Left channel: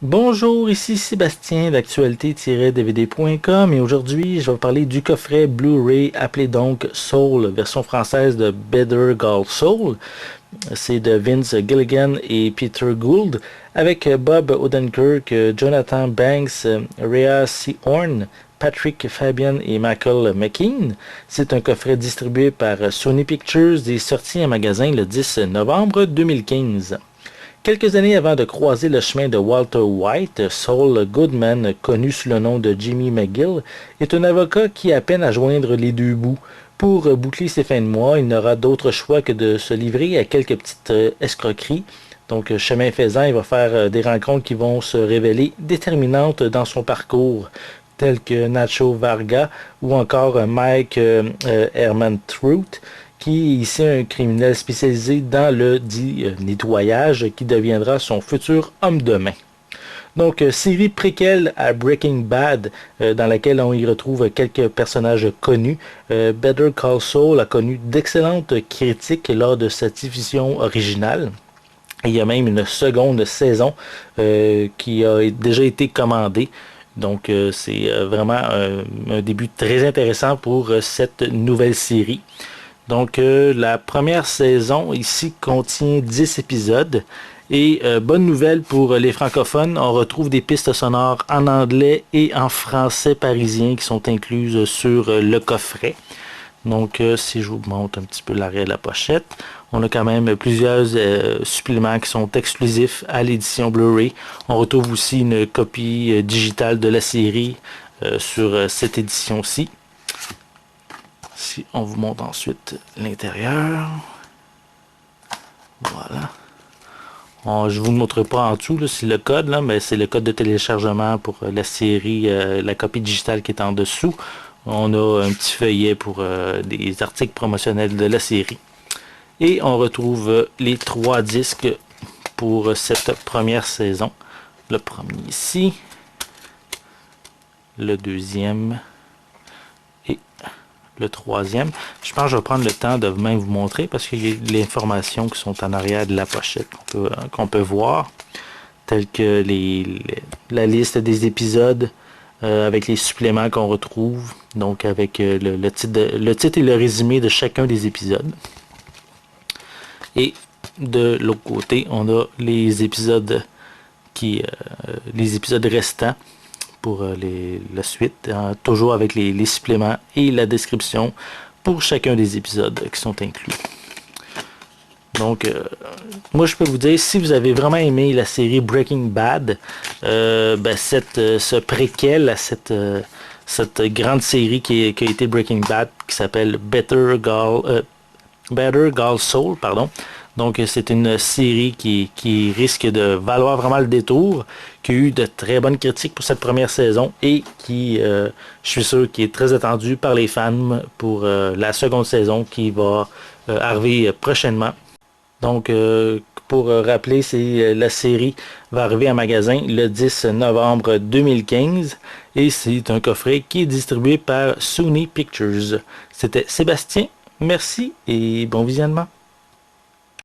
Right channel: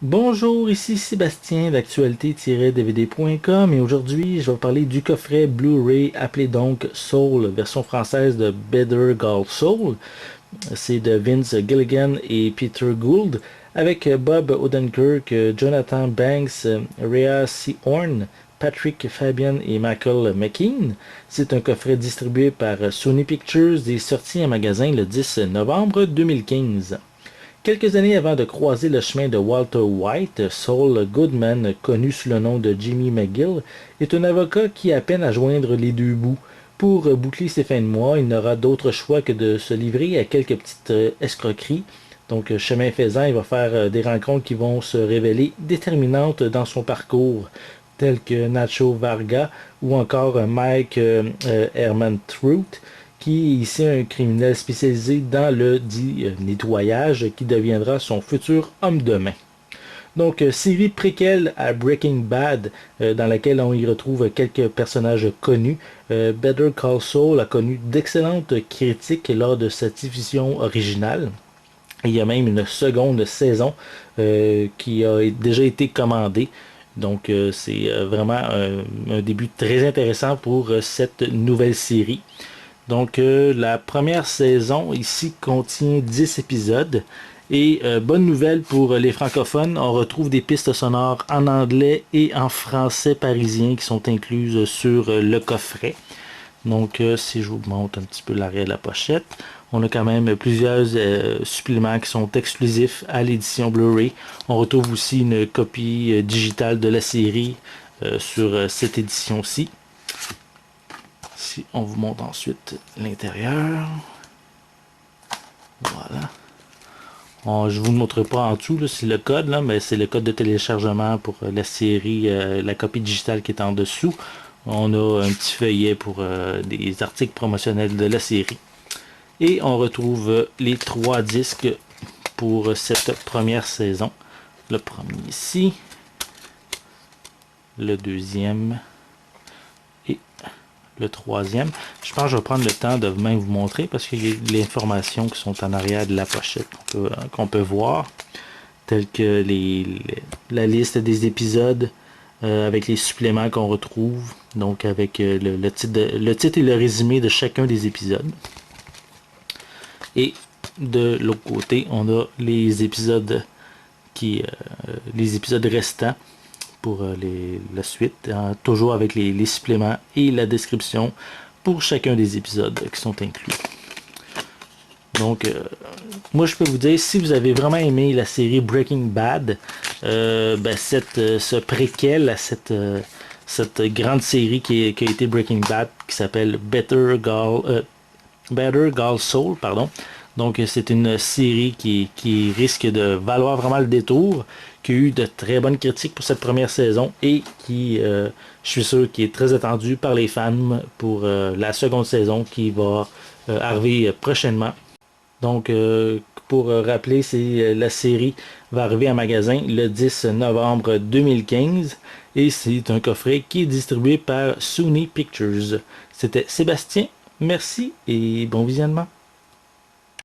Bonjour, ici Sébastien d'actualité-dvd.com et aujourd'hui je vais vous parler du coffret Blu-ray appelé donc Soul, version française de Better Call Saul. C'est de Vince Gilligan et Peter Gould avec Bob Odenkirk, Jonathan Banks, Rhea Seehorn, Patrick Fabian et Michael McKean. C'est un coffret distribué par Sony Pictures et sorti en magasin le 10 novembre 2015. Quelques années avant de croiser le chemin de Walter White, Saul Goodman, connu sous le nom de Jimmy McGill, est un avocat qui a peine à joindre les deux bouts. Pour boucler ses fins de mois, il n'aura d'autre choix que de se livrer à quelques petites escroqueries. Donc, chemin faisant, il va faire des rencontres qui vont se révéler déterminantes dans son parcours, tels que Nacho Varga ou encore Mike Herman Truth, qui est ici un criminel spécialisé dans le dit nettoyage qui deviendra son futur homme de main. Donc, série préquelle à Breaking Bad, dans laquelle on y retrouve quelques personnages connus. Better Call Saul a connu d'excellentes critiques lors de sa diffusion originale. Et il y a même une seconde saison qui a déjà été commandée. Donc, c'est vraiment un début très intéressant pour cette nouvelle série. Donc, la première saison ici contient 10 épisodes. Et bonne nouvelle pour les francophones, on retrouve des pistes sonores en anglais et en français parisien qui sont incluses sur le coffret. Donc, si je vous montre un petit peu l'arrière de la pochette, on a quand même plusieurs suppléments qui sont exclusifs à l'édition Blu-ray. On retrouve aussi une copie digitale de la série sur cette édition-ci. Si on vous montre ensuite l'intérieur, voilà. Je vous montre pas en dessous, c'est le code, là, mais c'est le code de téléchargement pour la série, la copie digitale qui est en dessous. On a un petit feuillet pour des articles promotionnels de la série. Et on retrouve les 3 disques pour cette première saison. Le premier ici, le deuxième et le troisième. Je pense que je vais prendre le temps de même vous montrer parce qu'il y a des informations qui sont en arrière de la pochette qu'on peut voir, telles que la liste des épisodes avec les suppléments qu'on retrouve, donc avec le titre et le résumé de chacun des épisodes. Et de l'autre côté, on a les épisodes les épisodes restants pour la suite, toujours avec les suppléments et la description pour chacun des épisodes qui sont inclus. Donc, moi je peux vous dire, si vous avez vraiment aimé la série Breaking Bad, ce préquel à cette grande série qui a été Breaking Bad, qui s'appelle Better Call Saul, pardon. Donc, c'est une série qui risque de valoir vraiment le détour, qui a eu de très bonnes critiques pour cette première saison et qui, je suis sûr, qui est très attendue par les fans pour la seconde saison qui va arriver prochainement. Donc, pour rappeler, la série va arriver en magasin le 10 novembre 2015 et c'est un coffret qui est distribué par Sony Pictures. C'était Sébastien, merci et bon visionnement.